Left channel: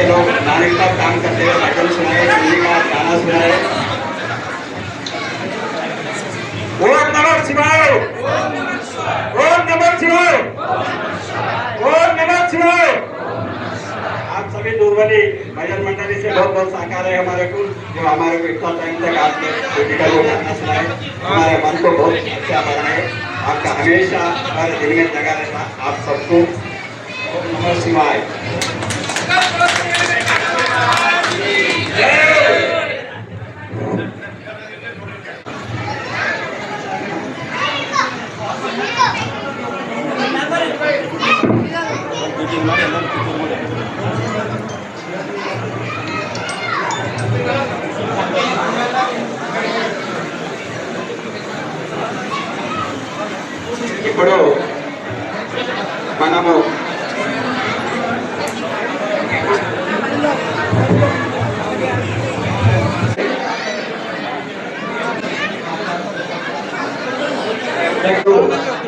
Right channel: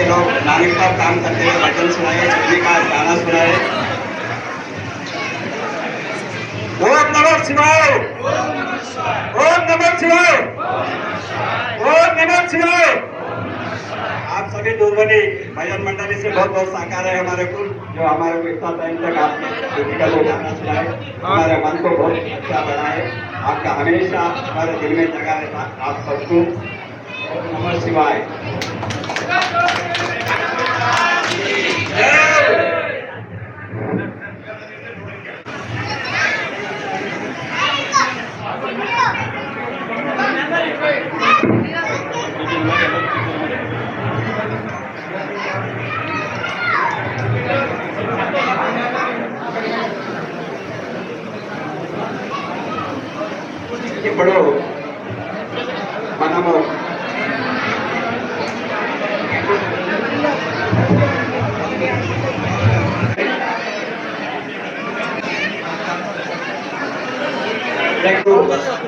ये लोग नागरिक का काम करते हुए भजन सुनाए, हिंदी का गाना सुनाए। ओम नमः शिवाय, ओम नमः शिवाय, ओम नमः शिवाय। आप सभी दूरबनी भजन मंडली से बहुत बहुत सहकार है हमारे को, जो हमारे को इतना टाइम तक आपने हिंदी का वो गाना सुनाए, हमारे मन को बहुत अच्छा बनाए। आपका हमेशा हर दिल में जगा रहता आप सबको। ओम नमः शिवाय। ఇప్పుడు మనము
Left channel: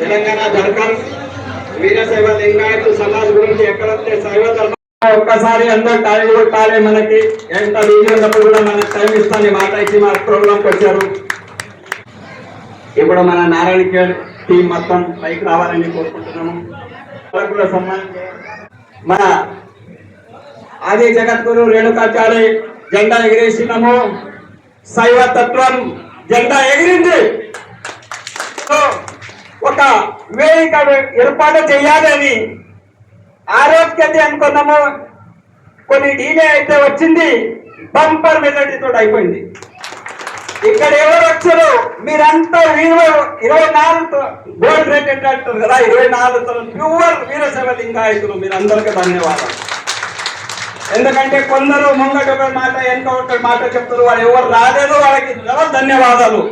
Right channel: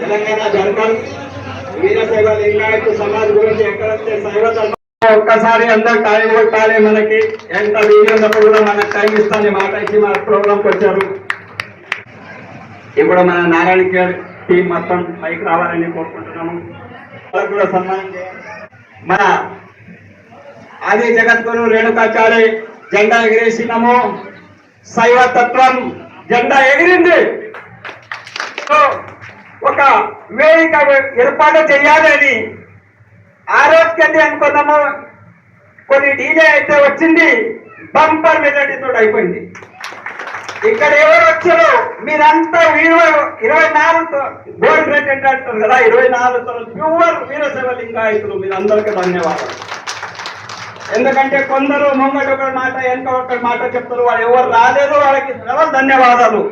తెలంగాణ జనకల్ వీరశైవ లింగాయతు సమాజ్ గురించి ఎక్కడైతే శైవ ధర్మం ఒక్కసారి అందరూ టైం కొట్టాలి. మనకి ఎంత వీడియో ఉన్నప్పుడు కూడా మనకి టైం ఇస్తాను మాట ఇచ్చి మన ప్రోగ్రాంకి వచ్చారు. ఇప్పుడు మన నారాయణ టీం మొత్తం పైకి రావాలని కోరుకుంటున్నాము. కూడా సన్మానం మన ఆది జగద్గురు రేణుకాచార్య జెండా ఎగిరేసినాము. శైవ తత్వం జెండా ఎగిరింది. ఒక వేదిక ఏర్పాటు చేయాలి అని ఆరోగ్యత అనుకున్నాము. కొన్ని డీలే అయితే వచ్చింది, బంపర్ మెజార్టీతో అయిపోయింది. ఇక్కడ ఎవరు వచ్చారు మీరంతా 24 గోల్డ్ రేట్ అంటే అంటారు కదా, 24 ప్యూర్ వీరశైవ లింగాయతులు. మీరందరికీ ధన్యవాదాలు. ఎందుకంటే కొందరు ముంగట ఒక మాట వెనక ఒక మాట చెప్తారు. వాళ్ళు ఎవరు రాలేదు, వాళ్ళకి ధన్యవాదాలు.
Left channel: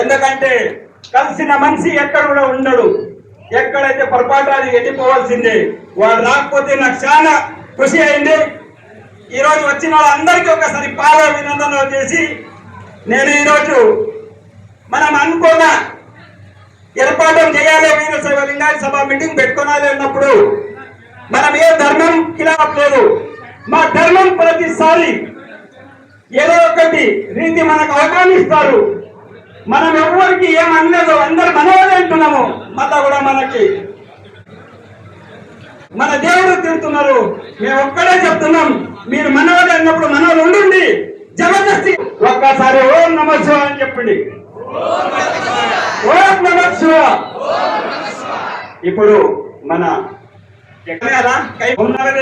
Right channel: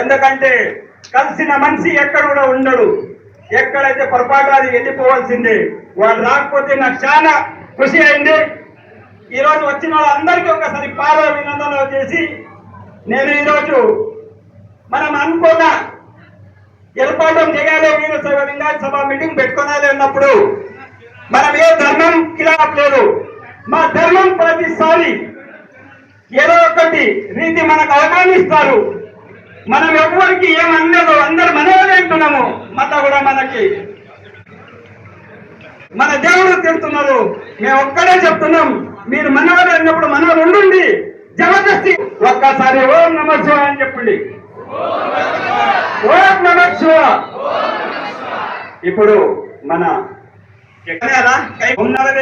ఎందుకంటే కలిసిన మనిషి ఎక్కడ కూడా ఉండడు. ఎక్కడైతే పొరపాటు అది వెళ్ళిపోవాల్సిందే. వాళ్ళు రాకపోతే నాకు చాలా ఖుషి అయింది. ఈరోజు వచ్చిన వాళ్ళందరికీ ఒకసారి పాద అభినందనలు చేసి, నేను ఈరోజు మనం అనుకున్న ఏర్పాటు చేయాలి వీరశైవ లింగాయత సభ మీటింగ్ పెట్టుకోవాలి అన్నప్పుడు మనం ఏ ధర్మం ఖిలాఫ్ లేదు. మా ధర్మం ప్రతిసారి ఏదో ఒకటి రీతి మనకు అవమానిస్తారు. మనం ఎవరికి ఏమనలేదు, అందరు మనవాళ్ళే అంటున్నాము. మత కూడా మనకి మన దేవుడు తిడుతున్నారు, మేము ఒక్కడే చెప్తున్నాం. మీరు మనవాళ్ళు అన్నప్పుడు మనవాళ్ళు ఉండండి. జబర్దస్తి ఒక్కసారి ఓం నమః శివాయ అని చెప్పండి. ఓం నమః శివాయ. ఇప్పుడు మన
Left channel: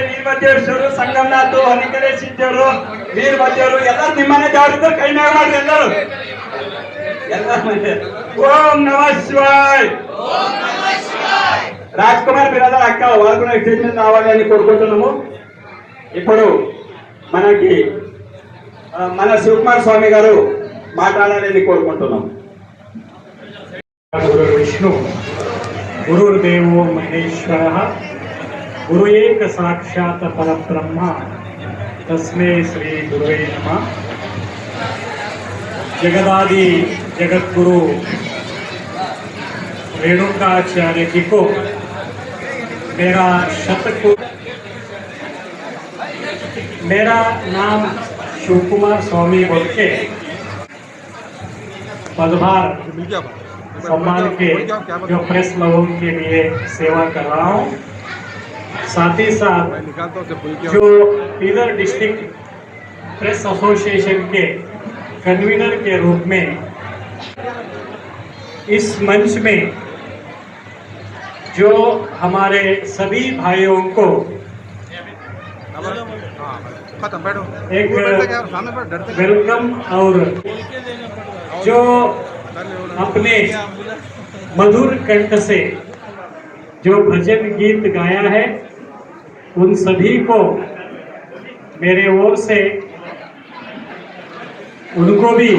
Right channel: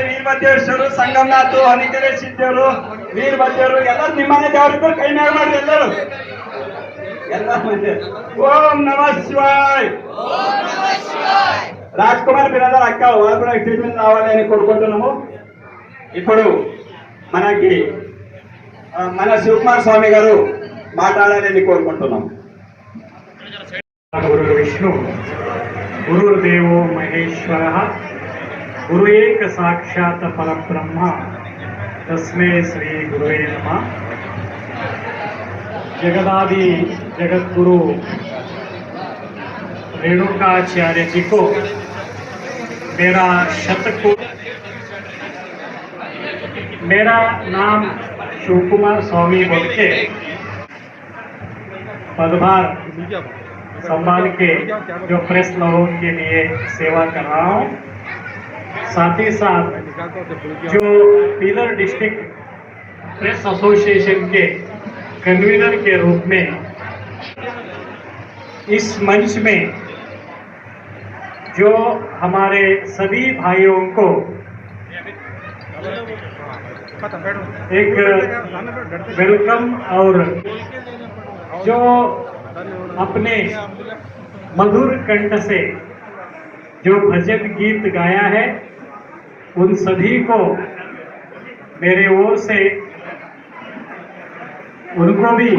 ವೀರಭದ್ರೇಶ್ವರು ಸಂಗಮನಾಥ್ ಹನಿಕರೇಶ್ವರು ವೀರಭದ್ರರು ಎಲ್ಲ ನಿಮ್ಮನೆ ದೇವರಿದ್ರು ಕೈ ಮೇಲೆ ಮಾಡಿ ಎಲ್ಲರೂ ಎಲ್ಲ ಮಂದಿ ಓಂ ನಮಃ ಶಿವಾಯ. రాజ్ కుమార్ బిరాదర్ అక్క వాళ్ళు కూడా స్టేజ్ మీద రావాలి అని కోరుకుంటున్నాము. ఇప్పుడు మనకి మన శివకుమార్ స్వామి గారు మాట్లాడాలని కోరుకుంటున్నాం. గురు విష్ణు గురుర్దేవో మహేశ్వర గురు ఏక సాక్షాత్ పరబ్రహ్మ తస్మే శ్రీ గురువే నమః. जगदादि जगतगुरु रेणुकाचार्य जी को मेरा मेरा नाम शिवकुमार स्वामी बोल के पदभार सम्मान के जो प्रेस लोगों के लिए सेवा कर रहा हूँ. साथ ही साथ जो पीलर डिस्ट्रिक्ट प्रेस एसोसिएशन के कन्वीनर के रूप में इस मंच में जो हमारे सभी भाइयों को एक वेलकम और जो अपने मधुर कंठ से जो भजन गीत गाया है उन सभी को मेरे ओर से उनको भी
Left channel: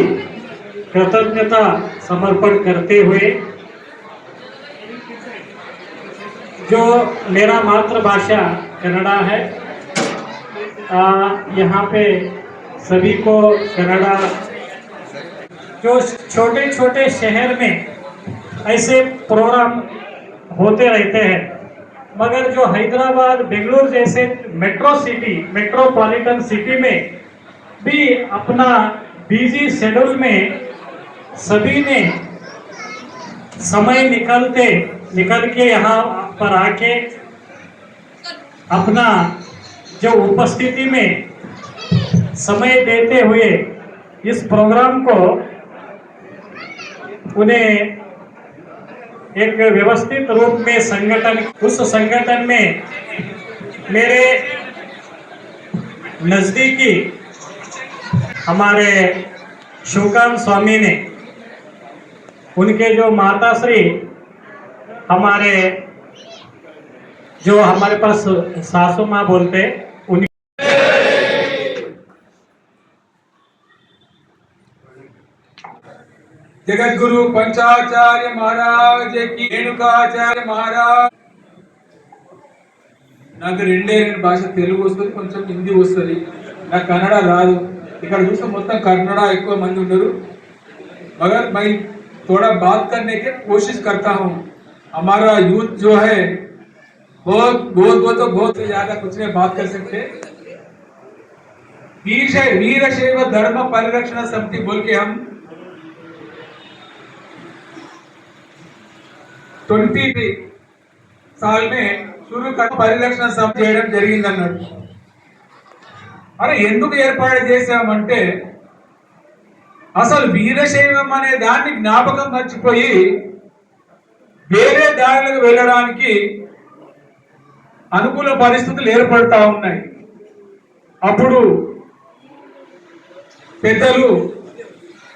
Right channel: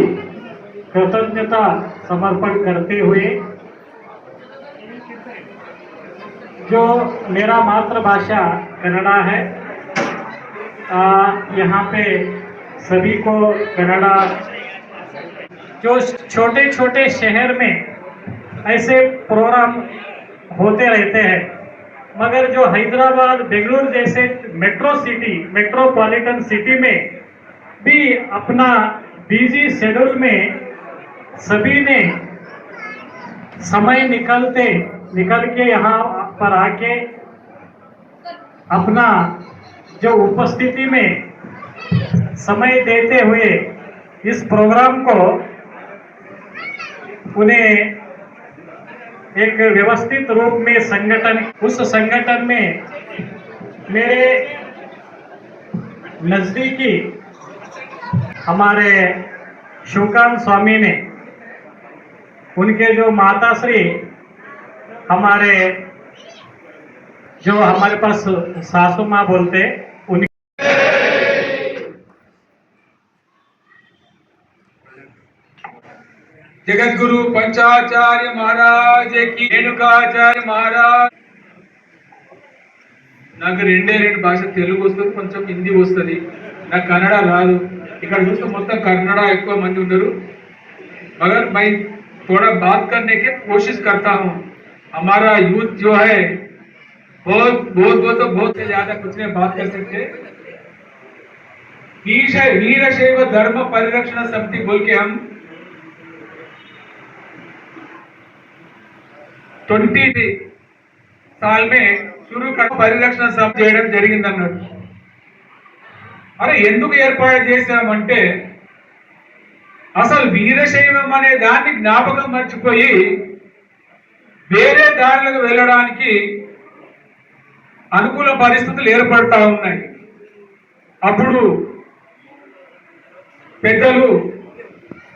कृतज्ञता समर्पण करते हुए, जो मेरा मातृभाषा कन्नड़ा है, यहाँ पे सभी को कन्नड़ा, जो छोटे छोटे शहर में ऐसे प्रोग्राम होते रहते हैं मगर जो हैदराबाद बेंगलुरु जैसे मेट्रोपॉलिटन सिटी में भी अपना बिजी शेड्यूल में सभी ने समय निकल के यहाँ पर आके अपना जो उपस्थिति में समय देते हुए इस प्रोग्राम को उन्हें एक व्यवस्थित रूप में उस संगठन में मेरे नजदीकी हमारे शिवकांत स्वामी ने, उनके जो माताश्री हमारे जो हमारे पास सासू माँ बोलते उन जगत गुरु पंचाचार्य महाराज की रेणुकाचार्य महाराज నాకు రెండు భాష తెలుగు వస్తుంది కొంచెం హిందీ వస్తుంది నాకు కన్నడ రాదు ఇక్కడ చూస్తే మొత్తం కన్నడ ఎక్కువ మంది ఉన్నారు मगर मैं थोड़ा बात करने की कोशिश करता हूँ हमारा यूथ जो है बहुत से ज्यादा कुछ नहीं बात कर सकते वीरशैव धर्म परिरक्षण समिति बोल के हम 20 साल में शुरू कर పరిరక్షణ సభ చేయడం జరిగింది అన్నాడు అరే ఎందుకు ఏర్పాటు చేశామంటే అసలు వీరశైవం అనే దాన్ని జ్ఞాపకం మర్చిపోయి వేరే దారులకు వెళ్ళడానికి అనుకూల పరిస్థితులు ఏర్పడతా ఉన్నాయి అప్పుడు పెద్దలు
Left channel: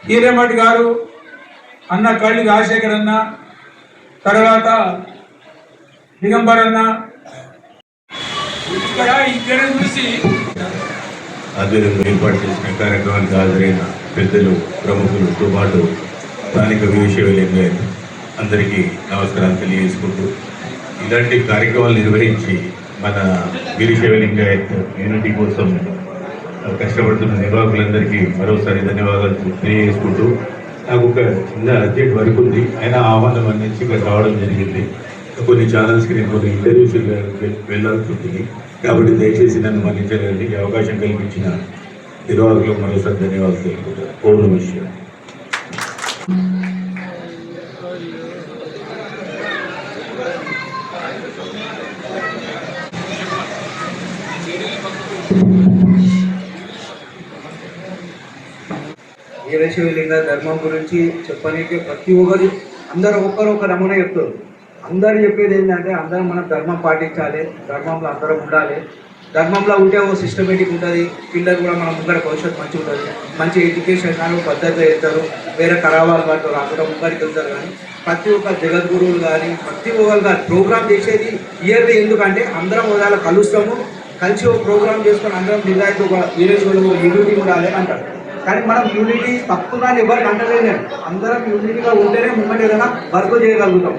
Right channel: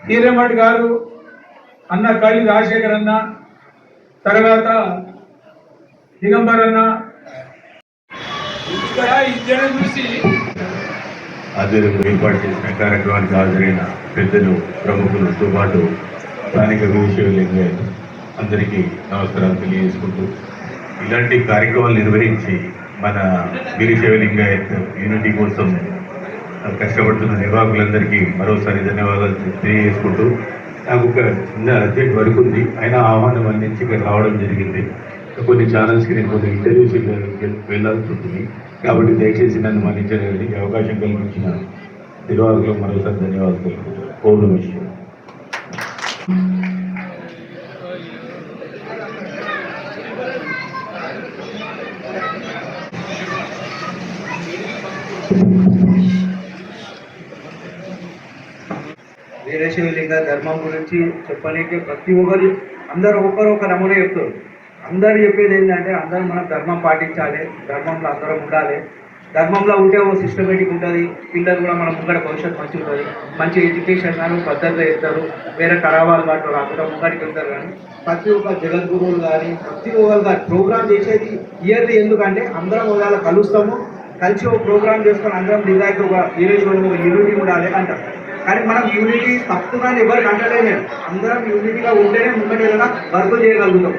హీరేమఠ్ గారు అన్న కళ్ళి రాజశేఖర్ అన్న తర్వాత దిగంబర్ అన్న ఇక్కడ ఇద్దరు చూసి ఆధ్వర్యంలో ఏర్పాటు చేసిన కార్యక్రమానికి హాజరైన పెద్దలు ప్రముఖులతో పాటు స్థానిక వీరశైవ అందరికీ నమస్కారాలు తెలియజేసుకుంటూ ఇలాంటి కార్యక్రమాలు నిర్వహించి మన వీరశైవ లింగాయత్ యూనిటీ కోసం కష్టపడుతున్న నిర్వాహకులందరికీ మరోసారి ధన్యవాదాలు తెలియజేసుకుంటూ నాకు ఒక చిన్న అర్జెంట్ వర్క్ ఉంది అయినా ఆహ్వానం అందించి ఇక్కడ రావడం జరిగింది కొన్ని ఛానల్స్కి నేను కొన్ని ఇంటర్వ్యూస్ వెళ్ళాల్సి ఉంటుంది కాబట్టి దయచేసి నన్ను మన్నించగలిగి అవకాశం కల్పించిన నిర్వాహకులకు మరోసారి ధన్యవాదాలు తెలుపుకుంటాను. ఓం నమః శివాయ. వీరశైవ లింగ ధర్మం గురించి చెప్పనీకి ప్రతి ఒక్కరు అందరూ ఒకరు నమూనా చెప్తారు. అందరూ చెప్పేది ఏంటంటే అందరం మనం ధర్మం పాటించాలి, ధర్మంలో అందరం ఉండాలి. ధర్మంలో ఉంటే ఓ సిస్టమేటిక్ ఉంటుంది, పిల్లలు కూడా మన ముంగడ భవిష్యత్తు మంచిగా ఉంటుంది, మంచి ఎడ్యుకేషన్ కానీ పద్ధతిగా ఇస్తారు, వేరే ఖరాబాలు పడతారు, అప్పుడు ముంగడికి వెళ్తారు. కానీ ప్రతి ఒక్క జగద్గురువులు కానీ ప్రతి ఒక్కరు కానీ ప్రోగ్రామ్ చేసేది ఇయర్లీ. ఎందుకంటే అందరం ఒకవేళ కలుస్తాము, కలిసి ఒక ప్రోగ్రామ్ చేసుకొని అందరం నిజాయితీ ఒక వీరేశ్వరులు యూనిటీ ఉండాలి అంటారు. కానీ మనం యూనిటీ తప్పుగా ఎవరికి అంటలేదు. అందరం యూనిటీగా ఉంటేనే ముంగట ఏదైనా వర్క్ చేయగలుగుతాం.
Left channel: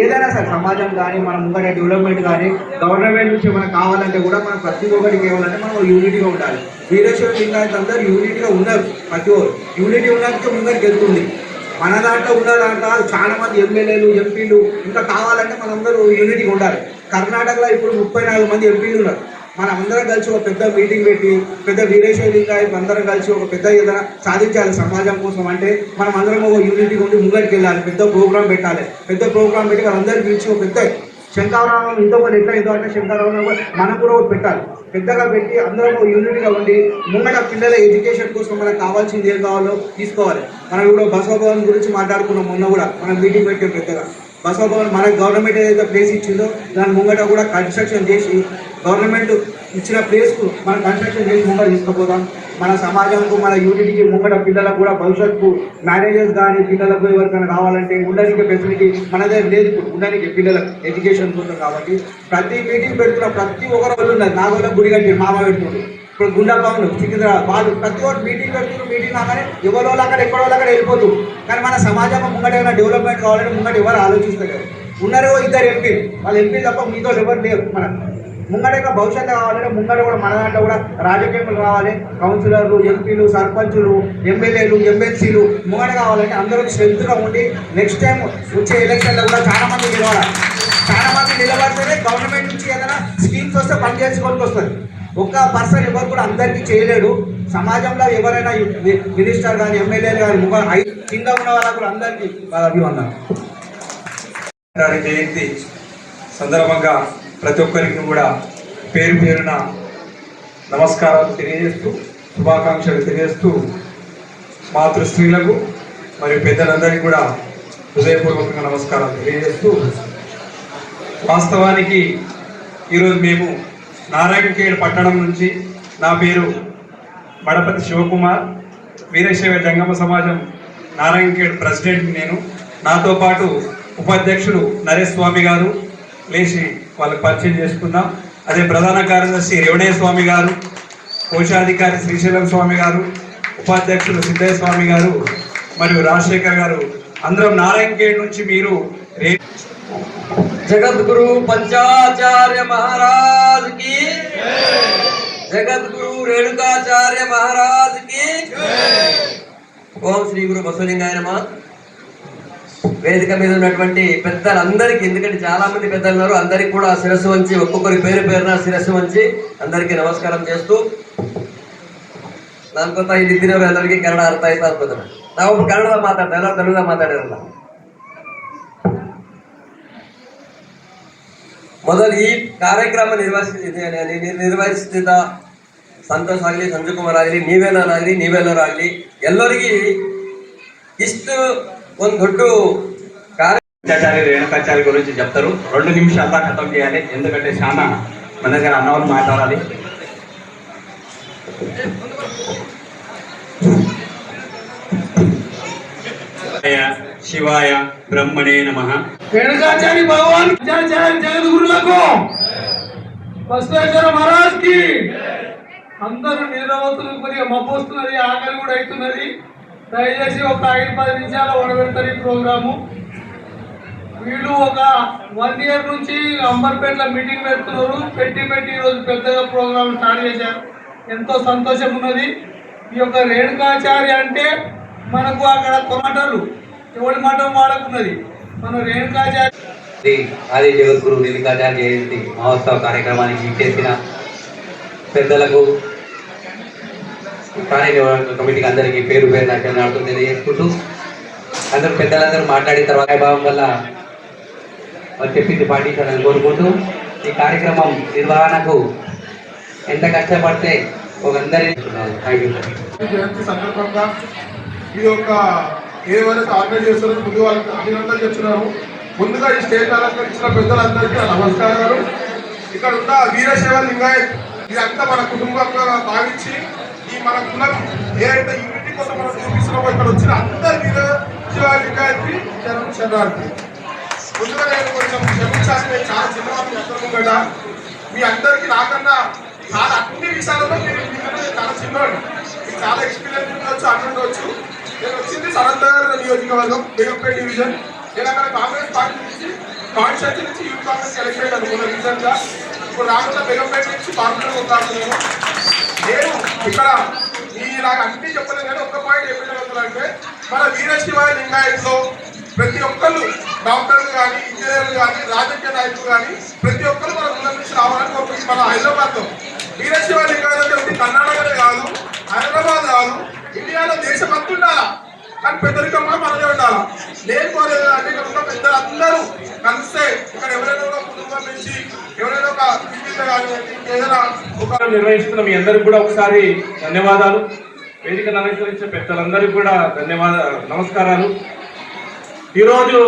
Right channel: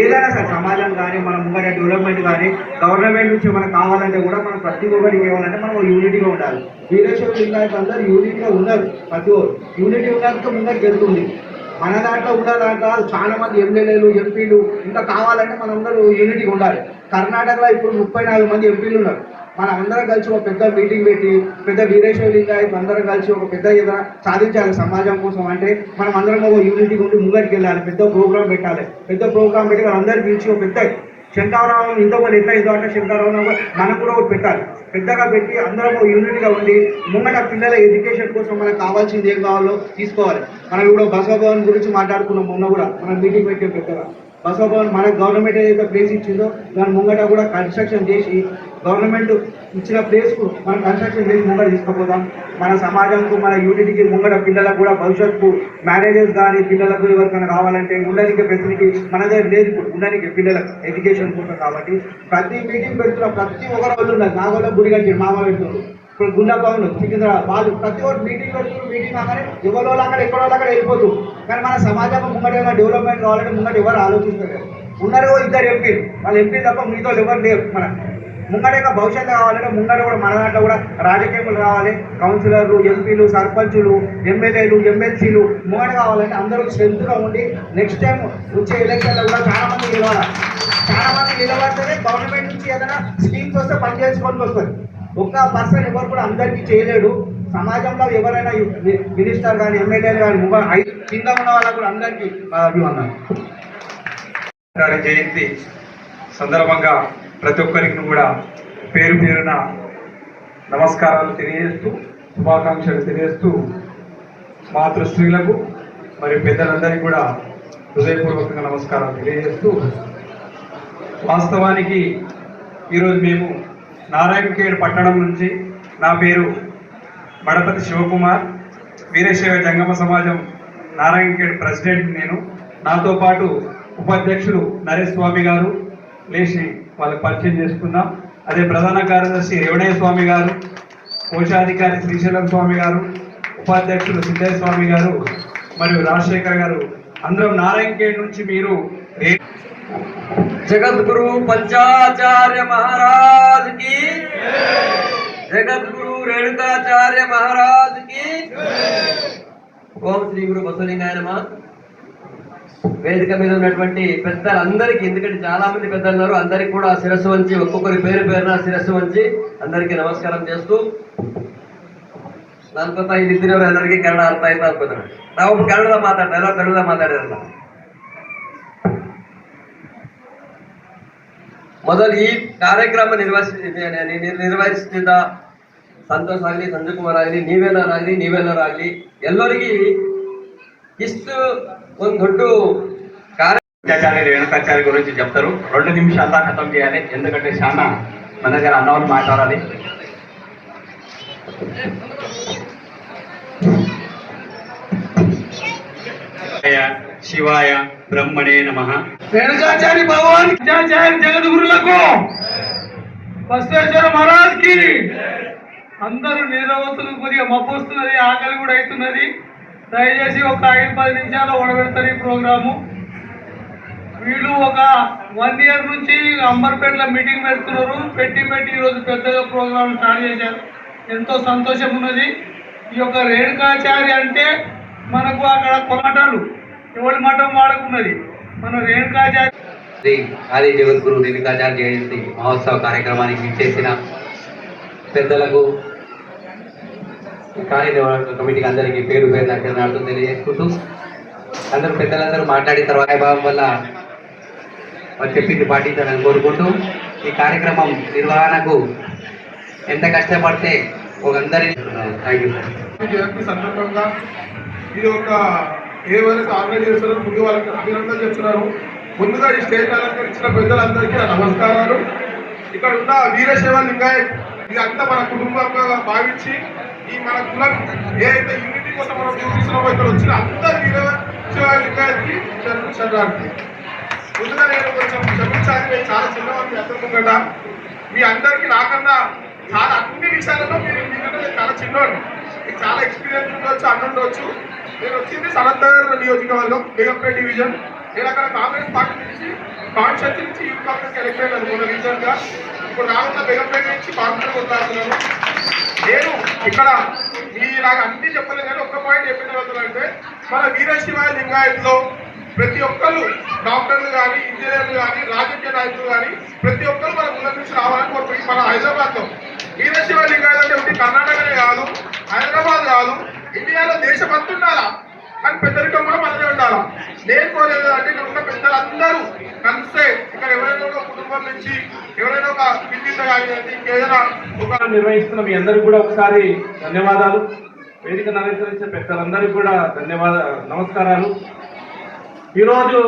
ఏదైనా సరే సమాజం కానీ మన ముంగట డెవలప్మెంట్ కానీ గవర్నమెంట్ నుంచి మనకు కావాలంటే కూడా మనం ప్రతి ఒక్కరికి ఏవాలంటే మనం యూనిటీగా ఉండాలి. వీరేశ్వర లింగాయత్ అందరూ యూనిటీగా ఉన్నారు. ప్రతి ఒక్కరు యూనిటీ ఉన్నందుకు ముందరికి వెళ్తుంది. మన దాంట్లో ఉన్న దాంట్లో చాలా మంది ఎమ్మెల్యేలు ఎంపీలు ఇంకా కావాలంటే మనందరూ యూనిటీగా ఉండాలి. కర్ణాటకలో ఇప్పుడు 34 మంది ఎంపీలు ఉన్నారు. మనం అందరం కలిసి ఒక పెద్ద మీటింగ్ పెట్టి పెద్ద వీరేశ్వర లింగాయత్ అందరం కలిసి ఒక పెద్ద ఏదైనా సాధించాలి సమాజం కోసం. అంటే మనం అందరం ఒక యూనిటీ ఉండి ముంగడికి వెళ్ళాలి, పెద్ద ప్రోగ్రామ్ పెట్టాలి. పెద్ద ప్రోగ్రామ్ పెట్టి వాళ్ళందరూ పిలిచి ఒక పెద్ద శంకరారావు ఇంతమంది ఎట్లా ఇంత అంటే శంకరారావు మనం కూడా ఒకటి పెట్టాలి. పెద్దగా పెట్టి అందరం యూనిట్గా ఉండి ముంగట పిల్లల ఎడ్యుకేషన్ కోసం మనకు కావాల్సింది ఏం కావాలో తీసుకోవాలి. మనం కూడా బసవభవన్ గురించి మాట్లాడుకున్నాం. మొన్న కూడా మనం మీటింగ్ పెట్టాం పెద్దగా. బసవభవన్ మన గవర్నమెంట్ ఏదైతే ప్లేస్ ఇచ్చిందో దాని ముంగట కూడా కన్స్ట్రక్షన్ చేసి గవర్నమెంట్ ఇచ్చిన ప్లేస్కు మనం కన్స్ట్రక్షన్ చేసి ముంగట తీసుకుపోతాం. మన సమాజంకు మన యూనిటీకి ముంగట పిల్లలకు కూడా భవిష్యత్తుకు మ్యారేజెస్ కానీ పిల్లలకు ఎవరికైనా కావాలంటే ఉండడానికి ఫెసిలిటీ మన దగ్గర లేదు. ఇప్పుడు ఉండడానికి పిల్లలకు ఎడ్యుకేషన్ కోసం కాబట్టి ప్రతి మీటింగ్ పెడుతున్న ప్రతి ఒక్కరు ఉన్నారు. నాగోళ్ళ గుడి కట్టి మామ పెడుతుంది. ఇప్పుడు గుండెపాములు సికింద్రాబాద్ వాళ్ళు ప్రతి ఒక్కరు మీటింగ్ పెడుతున్నారు. మీటింగ్ కాగానే ఎవరో అక్కడ ఎక్కడో అక్కడ వెళ్ళిపోతూ. కానీ మన సమాజం ముంగట ఏమైనా డెవలప్మెంట్ కావాలంటే ముంగట ఎవరు ఆలోచిస్తారు. ఉన్నారో 2 ఎంపీలు, వాళ్ళు ఎంపీలు తప్ప మీతో ఎవరు లేరు. మన ముంగడ యొక్క భవిష్యత్తు కావాలంటే ముంగడ కూడా మన దాంట్లో కూడా రాజకీయాలు రావాలి. కౌన్సిలర్లు, ఎంపీలు, సర్పంచులు, ఎమ్మెల్యేలు, ఎమ్మెల్సీలు ముంగడ కావాలంటే అందరూ స్ట్రెంత్గా ఉండి నెక్స్ట్ టైం వచ్చే ఎలక్షన్లో కూడా చాలా మంది గెలవాలి. చాలా మంది నిలబడితేనే గవర్నమెంట్ నుంచి ఏదైనా స్కీమ్స్ వస్తే పని చేసుకోవడానికి వస్తుంది. ఒక్క పర్సన్ ఎవరు కూడా అందరికీ చేయలేడు. సమాజంలో ఎవరైనా మినిస్టర్ కానీ ఎమ్మెల్యేలు కానీ కింద ఉన్న వాళ్ళకు కూడా అందరికీ అభివందనం. జయంతి సందర్భంగా ప్రతి ఒక్కరికి కూడా పేరు పేరున నమస్కారాలు తెలియజేస్తూ, శుభాకాంక్షలు తెలియజేస్తూ, మాతృశ్రీలకు మరియు పెద్దలందరికీ కూడా హృదయపూర్వకంగా నమస్కారాలు తెలియజేస్తూ, వాస్తవానికి ఈరోజు మేము నారాయణఖేడ్ పట్టణం నుంచి, నా పేరు మడపతి శివకుమార్, వీరశైవ జంగమ సమాజం నారాయణఖేడ్ ప్రెసిడెంట్ నేను. నాతో పాటు ఉపాధ్యక్షులు నరేష్ స్వామి గారు, లేచి వాళ్ళకి పరిచయం చేసుకుందాం. అదే ప్రధాన కార్యదర్శి రేవణయ్య స్వామి గారు, కోశాధికారి శ్రీశైలం స్వామి గారు, ఉపాధ్యక్షులు సిద్ధయ్య స్వామి గారు మరియు రాజశేఖర్ గారు, అందరం నారాయణఖేడ్ నుంచి. మీరు జగద్గురు పంచాచార్య మహారాజ్ కి, జగద్గురు రేణుకాచార్య మహారాజ్ కి. ఓం శ్రీ గురు బసవలింగాయ నమః. వేదిక మీద ఉన్నటువంటి పెద్దలందరికీ, ఎందుకంటే చాలా మంది పెద్దలు ఉన్నారు, అందరికి కూడా శిరస్సు వంచి, ఒక్కొక్కరి పేరు పేరున శిరస్సు వంచి అందరికీ నమస్కారం చేస్తూ, దానికొంత ಇಲ್ಲಿದ್ದವರು ಎಲ್ಲರಿಗೆ ಕನ್ನಡ ಅರ್ಥ ಆಯ್ತಾ ಅನ್ಕೋತಾರೆ. ನಾವು ಕನ್ನಡ ಮಾತಾಡ್ತಾ ಎಲ್ಲ ಕನ್ನಡ ಮಾತಾಡಿರಲ್ಲ. ಮೊದಲು ಈ ಕಾರ್ಯಕ್ರಮ ನಿರ್ವಹಿಸುತ್ತಿದ್ದ ಸಂತೋಷ್ ಆಗಲಿ, ಸಂಜಯ್ ಕುಮಾರ್ ಆಗಲಿ, ನೀವೆಲ್ಲರಾಗಲಿ ಎಲ್ಲರಿಗೆ ಇಷ್ಟು ಒಂದು ದೊಡ್ಡ పంచాచార్య రేణుకాచార్య గురించి చెప్తారు. 2 నిమిషాల్లో ఖతం చేయాలి, ఎందుకంటే చాలా మన దగ్గర అన్నవాళ్ళు మాట్లాడాలి. శివాయ బ్రహ్మణే నమః. రేణుకాచార్య భగవాన్ జగద్గురులకు, బసవేశ్వర మహారాజ్ కి. అందరూ నిద్రపోతులు, కొద్దిగా మబ్బు వస్తున్నది, ఆకలి కూడా అవుతున్నది. దయచేసి ఒక 5-10 నిమిషాలు ఓడబెడతారు ఈ ప్రోగ్రాము. వీళ్ళు ఒక 1 ఇయర్ నుంచి అంబర్పేటలో మీటింగ్ పెడుతున్నారు. పెట్టి ఈరోజు పెద్దగా ప్రోగ్రాం స్టార్ట్ చేశారు. ఎంతో సంతోషం ఉన్నది. ఈ యొక్క రేణుకాచార్య అంటే మనకు అక్కడ కొమటలు ఎవరి మఠం వాడుకున్నది, మన రేణుకాచార్య. ఆది జగద్గురు రేణుకాచార్య జయంతి మహోత్సవ కార్యక్రమానికి ఇచ్చేసిన పెద్దలకు, కార్యనిర్వాహక కమిటీకి అందరికీ పేరు పేరు నాటు తెలియజేసుకుంటూ, అందరూ పెద్దలందరూ మాట్లాడిన తర్వాత భావం వల్ల చెప్పింది పాటించాలని కోరుకుంటూ, ఈ కార్యక్రమం నిర్వహణకు ఎంత కష్టపడితే ఒక అందరి జయంతి సందర్భంగా ఇది ఒక ఏదైనా ఆర్గనైజ్ చేస్తున్నారు. ముందు వాళ్ళకి అభినందనలు చెప్తున్నారు. ముందుగా ఈ స్టేజ్ అలంకరించిన పెద్దలందరికీ నమస్కారాలు. ఇక్కడ ఉన్న వీరశైవ లింగాయత్ ఇదంతా మన కుటుంబంగా భావించి, ఈ మన కులం ఏదైతే యూనిటీ కోసం మనం చూపిస్తున్నామో ఇక్కడ వచ్చిన అందరు వీరశైవ లింగాయత్కి శరణార్థి. ముందుగా నేను కొంచెం క్షమించాలి, నేను చాలా చిన్నవాడిని అందరం కదా. మీ అందరికీ నాకన్నా చాలా అన్ని విషయాలలో మీరు చాలా చిన్నవాడు, మీకు చాలా ఎక్స్పీరియన్స్ ఉండవచ్చు, అందరూ ఉండవచ్చు. నేను వచ్చింది సనత్నగర్ నియోజకవర్గం, బేగంపేట డివిజన్. నేను అక్కడ కాంగ్రెస్ పార్టీ నుంచి కాన్స్టిట్యూన్సీ నుంచి యూత్ కాంగ్రెస్ ఎలక్ట్ అయ్యాను మొన్న రీసెంట్గా. ఇప్పుడు రానున్న బేగంపేట నుంచి పార్టీలో కొట్లాడుతున్నాను. నేను ఇక్కడ నాకు అన్ని చెప్పలేదు కానీ ఒక్క పాయింట్ ఏం చెప్తున్నానంటే, మన వీరశైవ లింగాయత్లో ప్రతి ఒక్కళ్ళు, డాక్టర్లు కానీ, ఇంజనీర్లు కానీ, రాజకీయ నాయకులు కానీ, ప్రతి ఒక్కరు మన కులం నుంచి రావాలని కోరుకుంటున్నాం. మన హైదరాబాద్లో వీరశైవ లింగాయత్ కర్ణాటకనే కాదు, హైదరాబాద్ కాదు, ఇండియాలో దేశమంతా ఉండాలా, కానీ పెద్దరికం కూడా మనమే ఉండాలి. నేను కోరేది అంటే ఇక్కడ ఉన్న పెద్దలు అందరూ కలిస్తే, ఇక్కడ ఎవరైనా ఒక కుటుంబం నుంచి ఎవరైనా ఒక పిల్లలు కానీ ఇంకేదైనా ఒక నిర్వహిస్తున్న మీ అందరికి కూడా ఒకసారి ధన్యవాదాలు. వేదికను అలంకరించిన పెద్దలందరికీ కూడా నమస్కారాలు. ఈరోజు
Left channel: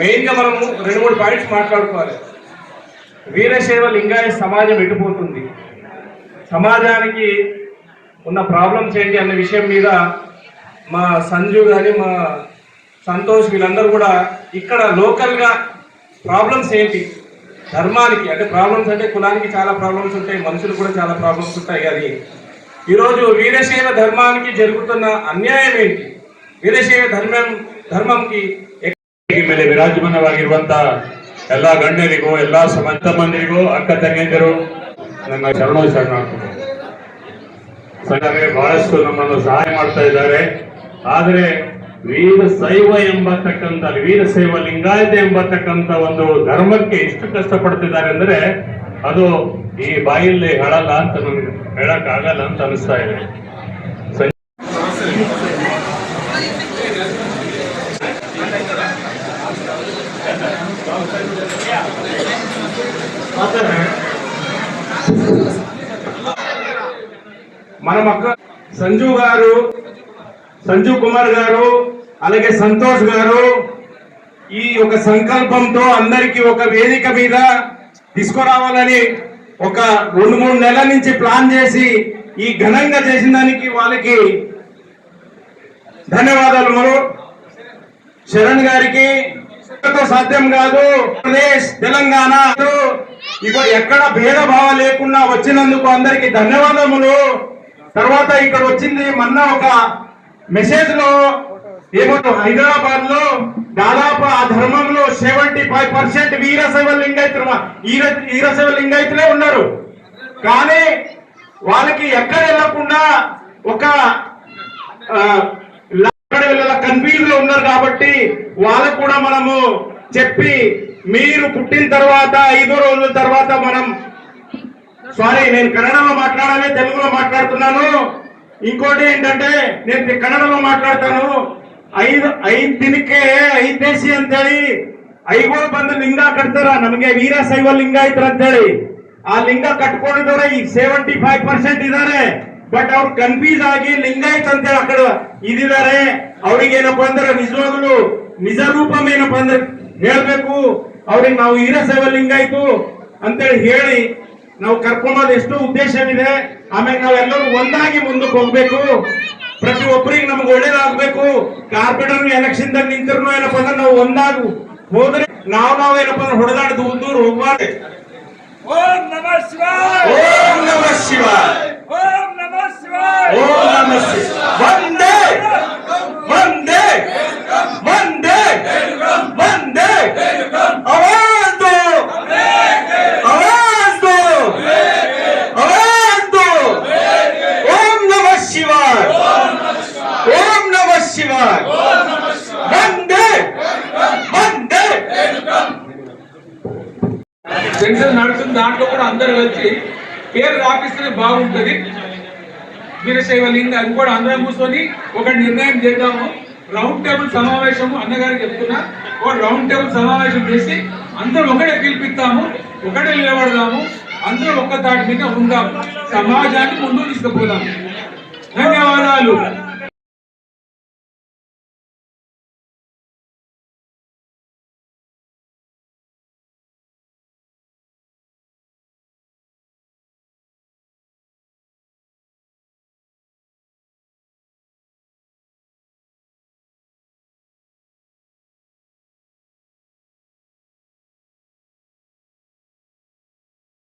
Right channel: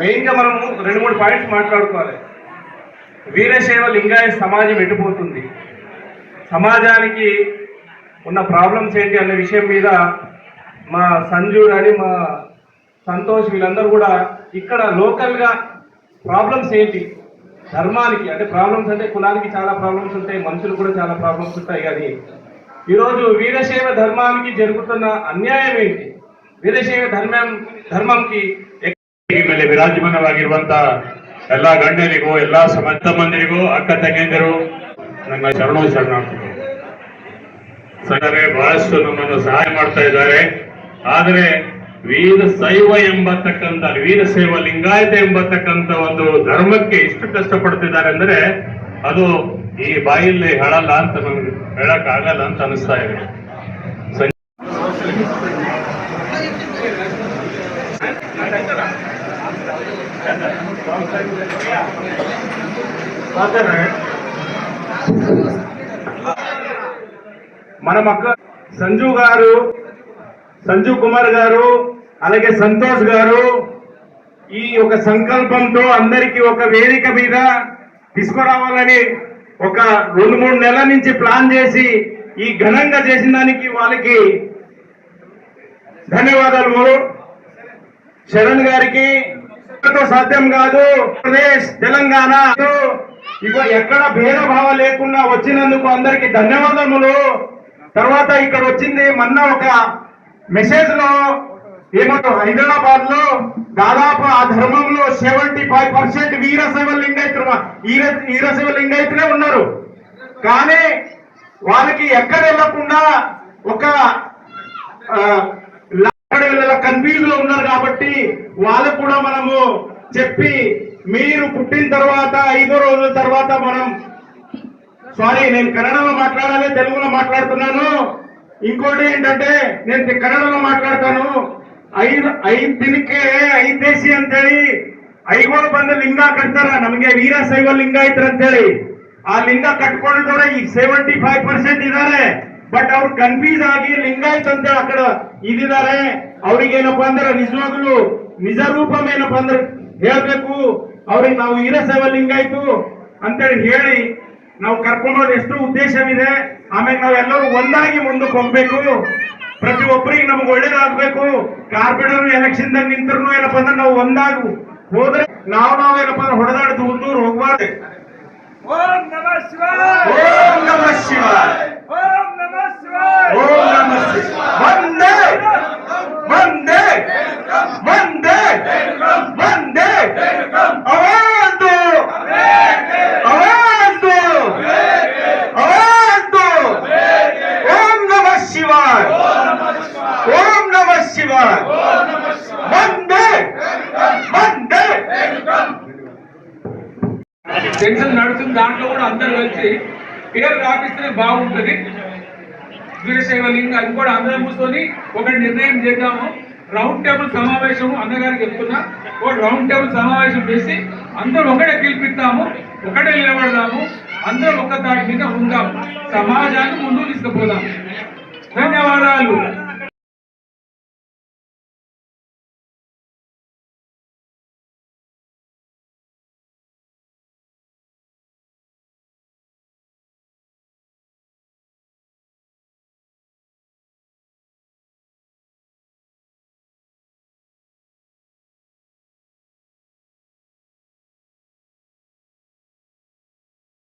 మెయిన్గా మనము 2-3 పాయింట్స్ మాట్లాడుకోవాలి. వీరశైవ లింగాయత సమాజం ఎటుపోతుంది, సమాజానికి ఉన్న ప్రాబ్లమ్స్ ఏంటి అన్న విషయం మీద మా సంజు కానీ, మా సంతోష్, వీళ్ళందరూ కూడా ఇక్కడ లోకల్గా ప్రాబ్లమ్స్ ఏంటి, ధర్మానికి అంటే ప్రాబ్లమ్స్ అంటే కులానికి చాలా ప్రాబ్లమ్స్ ఉంటాయి, మనుషులు కూడా చాలా ప్రాబ్లమ్స్ ఉంటాయి. కానీ ఈరోజు వీరశైవ ಧರ್ಮಾనికి ಜರುಗುತ್ತಿನ ಅನ್ಯಾಯ ఏంటి, ವೀರಶೈವ ಧರ್ಮಕ್ಕೆ ಮೇಲೆ ವಿರಾಜಮಾನವಾಗಿರುವಂತ ಎಲ್ಲ ಗಣ್ಯರಿಗೂ ಎಲ್ಲ ಸಮಾಜ ಮಂದಿರಿಗೂ ಅಕ್ಕ ತಂಗಿಯಂದಿರು ನನ್ನ ಶರಣಾರ್ಥಿಗಳು. ಬಹಳಷ್ಟು ನಮ್ಮನ್ನು ಸಹಾಯ ಮಾಡ್ತಾ ಇದ್ದಾರೆ. ಆದರೆ ವೀರಶೈವ ಎಂಬತಕ್ಕಂಥ ವೀರಶೈವ ಲಿಂಗಾಯತ ಎಂಬತಕ್ಕಂಥ ಒಂದು ಧರ್ಮಕ್ಕೆ ಎಷ್ಟು ಕಷ್ಟಪಡ್ತಿದ್ದಾರೆ ಅಂದ್ರೆ ಅದು ಈ ಬಾಯಲ್ಲಿ ಹೇಳಲ್ಲ ಅಂತ ನಮ್ಗೆ ಹೇಳಕ್ ಆಗಲ್ಲ ಅಂತ ಅನಿಸ್ತಾ ಇದೆ. మన పక్క సంజు కుమార్ గారు అలాగే సంతోష్ గారు ఈ ఒక సంకల్పంతో అందరికీ ఒక వేదిక మీద తీసుకురావాలని ఒక 2-3 నెలల నుంచి ప్లాన్ చేసి ఈ ఘనంగా చేసిన దానికి వాళ్ళకి ధన్యవాదాలు. శరణ్ గారికి సాధ్యం కాదు, ఆంధ్రప్రదేశ్ తెలంగాణ ఎక్కడ భేదభావం లేకుండా వచ్చినందుకు అందరికి ధన్యవాదములు. తర్వాత ఇక్కడ వచ్చింది మొన్న ఒక మెసేజ్ లో ఏమంటారు, హైదరాబాద్ లో దాదాపు ఆ ధర్మంలో 75% వీరశైవ లింగాయతులే ఉన్నారు. కానీ వాళ్ళకి ఎక్కడ వెళ్ళకుండా ఒక కన్ఫ్యూజ్ లో ఉన్నారు. కాబట్టి వాళ్ళకు కూడా మనము చెప్పి మీరు పుట్టిన తర్వాత 5 రోజుల తర్వాత మనం నేను కన్నడలో మాట్లాడాలి, తెలుగులో మాట్లాడుతున్నాను. ఇంకోటి ఏంటంటే నేను కన్నడలో మాట్లాడతాను. 5 ದಿನಕ್ಕೆ 5 ದೇಶಿ ಅಂತೇಳಿ 5 ಬಂದು ಲಿಂಗ ಕಟ್ತಾರ ನಮಗೆ ವೀರಶೈವ ಲಿಂಗಾಯತರ ಅಂತೇಳಿ. ಆ ಲಿಂಗ ಕಟ್ಕೊಂಡಿದ್ದವ್ರೆ ಈಗ 75% ಇದ್ದಾರೆ. ಬಟ್ ಅವ್ರು ಕನ್ಫ್ಯೂಸ್ ಆಗಿ ಲಿಂಗಾಯತ್ ಅಂತೇಳಿ ಅಕಡೆ ಇದಿದ್ದಾರೆ. ಅವ್ರಿಗೆ ಏನಪ್ಪಾ ಅಂದ್ರೆ ನಿಜವಾಗ್ಲು ನಿಜ ರೂಪಂ ಏನಪ್ಪಾ ಅಂದ್ರೆ ಹೇಳ್ಬೇಕು. ಅವ್ರಿಗೆ ನಾವು ವೀರಶೈವ ಲಿಂಗಾಯ್ತು ಅಂತೇಳಿ ಹೇಳಿ ನಾವು ಕರ್ಕೊಂಡೋದು ಎಷ್ಟೋ ಉದ್ದೇಶವಿದೆ. ಆಮೇಲೆ ನಾವೆಲ್ಲರೂ ಒಂದಾಗಿ ಮುಂದಕ್ಕೆ ಹೋಗ್ಬೇಕು. ಪ್ರತಿಯೊಬ್ಬರಿಗೆ ನಮ್ಗೆ ಒಳ್ಳೇದಾಗ್ಬೇಕು. ಕಾರ್ಪೊರೇಟರ್ ಎಲೆಕ್ಷನ್ ದಾಗ ನಿಂತರು ಏನಪ್ಪಾ ಅಂದ್ರೆ ನಾವು ಒಂದಾಗಿ ಹೋದ್ರೆ ನಾವೇನಪ್ಪಾ ಅಂದ್ರೆ ಹೊಡೆದಾಡ್ದು ದೂರ ಹೋಗ್ಬಾರ್ದು. ಓಂ ನಮಃ ಶಿವಾಯ, ಓಂ ನಮಃ ಶಿವಾಯ, ಓಂ ನಮಃ ಶಿವಾಯ, ಓಂ ನಮಃ ಶಿವಾಯ. ವಂದೇ ವಂದೇ ವಂದೇ ವಂದೇ ಅವಾಜು ಅವಾಜು ಅವಾಜು. ಓಂ ನಮಃ ಶಿವಾಯ, ಓಂ ನಮಃ ಶಿವಾಯ, ವಂದೇ ವಂದೇ. జంక్షన్ నడుస్తుంది, దాంట్లో కూడా అందరు కలిసి పేరు రాపిస్తేనే బాగుంటుంది. వీరశైవ లింగ అది కూడా అందరం కూర్చొని ఒక నిర్ణయం చేద్దాము. రౌండ్ టేబుల్ సమావేశము అన్నగారికి చెప్తున్నా, ఒక రౌండ్ టేబుల్ సమావేశం చేసి అందరం ఒకటే పిలిపిస్తాము, ఒకటే నిలబడదాము, అందరం ఒక్క తాటి మీద ఉందాము, సమాజాన్ని ముందుకు తీసుకుపోదాము. ధన్యవాదాలు.